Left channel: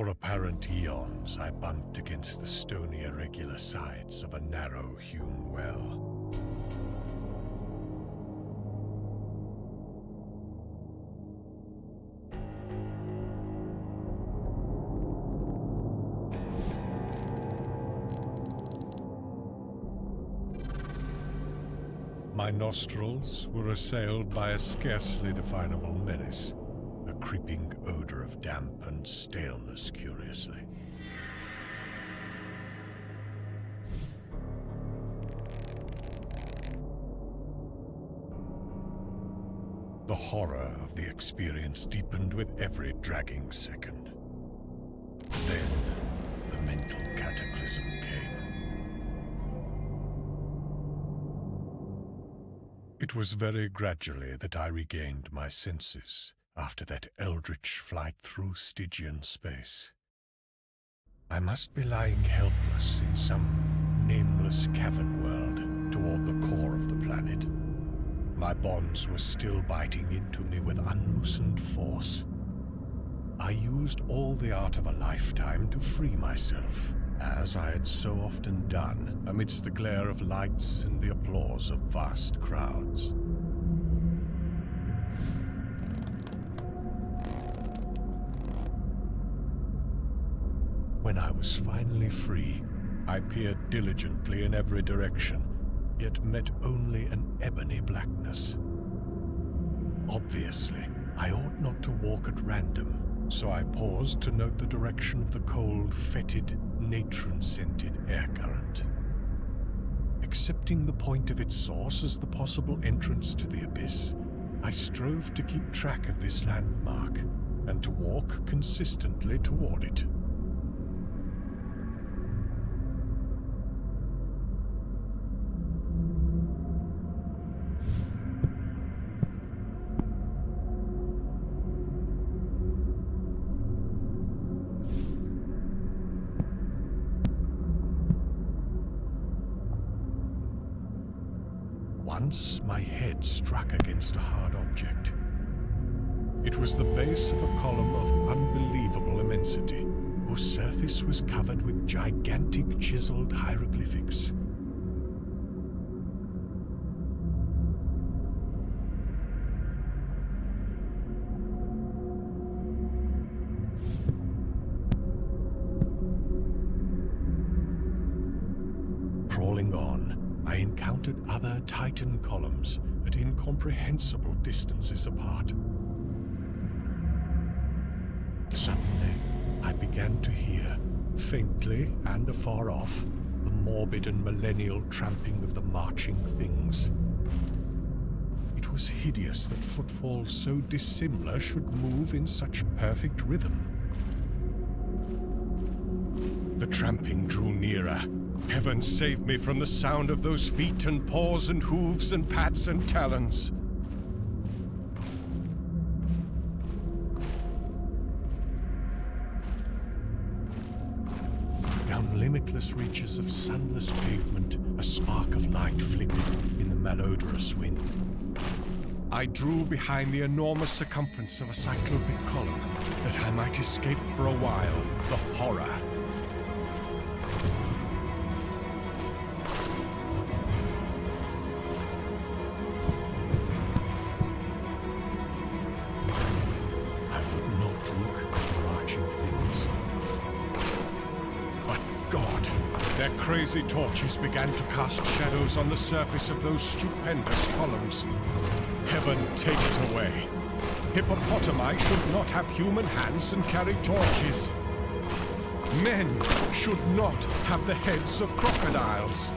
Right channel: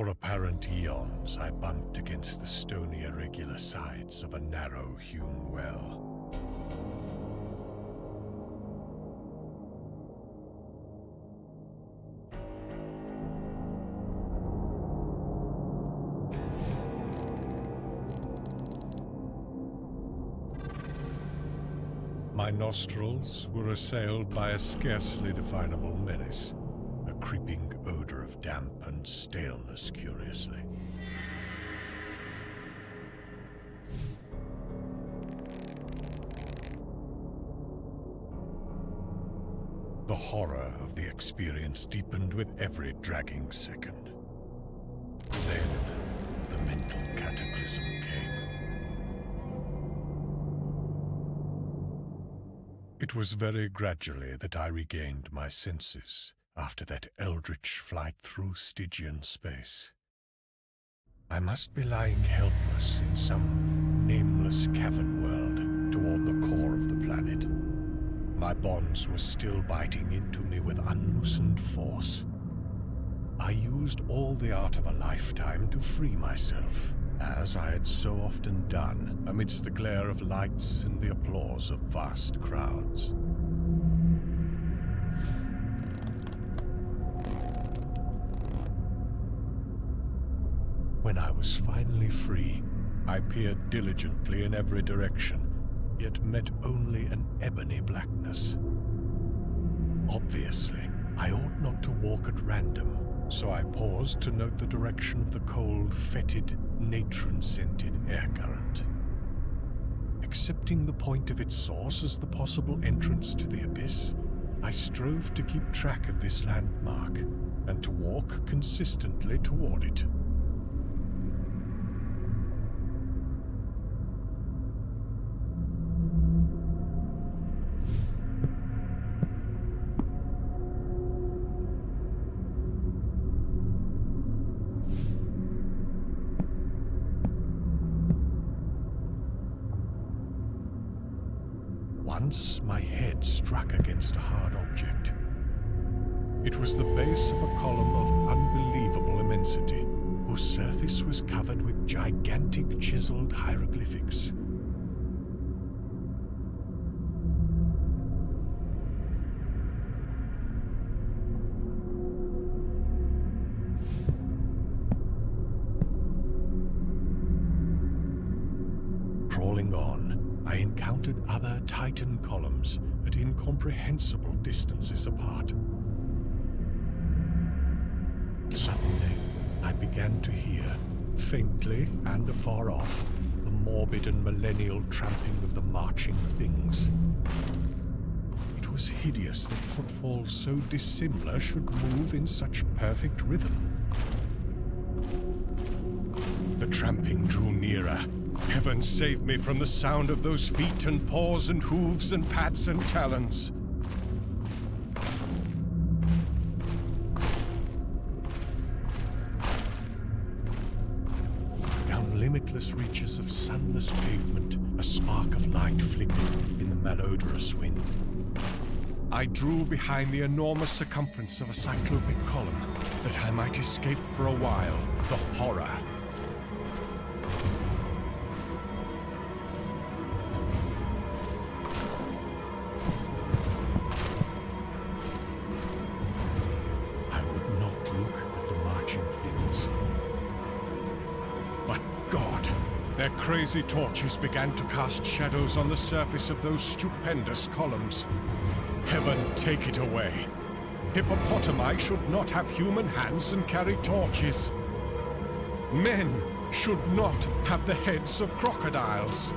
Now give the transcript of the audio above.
For apparent eons, I bumped against the stony irregular sides of a narrow-hewn well. My nostrils were assailed by a scarcely definable menace, a creeping odor of damp and staleness, curiously. The horror of the experience deepened with every dragging second. Then, the mental cataclysm came. It was very gradually that I regained my senses after that eldritch flight through Stygian space. I must be lying helpless in some nameless cavern world toward the core of the planet. My bonds were still biting into me with unloosened force. I used all the art of a lifetime to free myself, as I had so often done amidst the glare of lights and the applause of vast crowds. When I was finally free, I peered diligently in every direction, yet met only an ebony blackness. Obviously, I ought not to walk at random, so I paused to note the direction of the cold, fetid, natron-scented air current. Accepting the point of its source as the possible entrance to the abyss, I strove to keep track of this landmark and to walk consistently toward it. Once my head struck against a hard object. It was the base of a column of unbelievable immensity, whose surface was covered with gigantic chiseled hieroglyphics. Crawling on, I encountered other Titan columns at incomprehensible distances apart. Suddenly, I began to hear, faintly and afar off, the morbid and millennial tramping of the marching things. It was hideous that footfalls so dissimilar should move in such perfect rhythm. The tramping drew nearer. Heaven save me from the sound of those feet and paws and hooves and pads and talons. Down limitless reaches of sunless pavement, a spark of light flickered in the malodorous wind. I drew behind the enormous circumference of a cyclopic column that I might escape for a while the horror. Their crazy torches began to cast shadows on the surface of those stupendous columns. Heaven take it away. Hippopotami should not have human hands and carry torches. Men should not have the heads of crocodiles.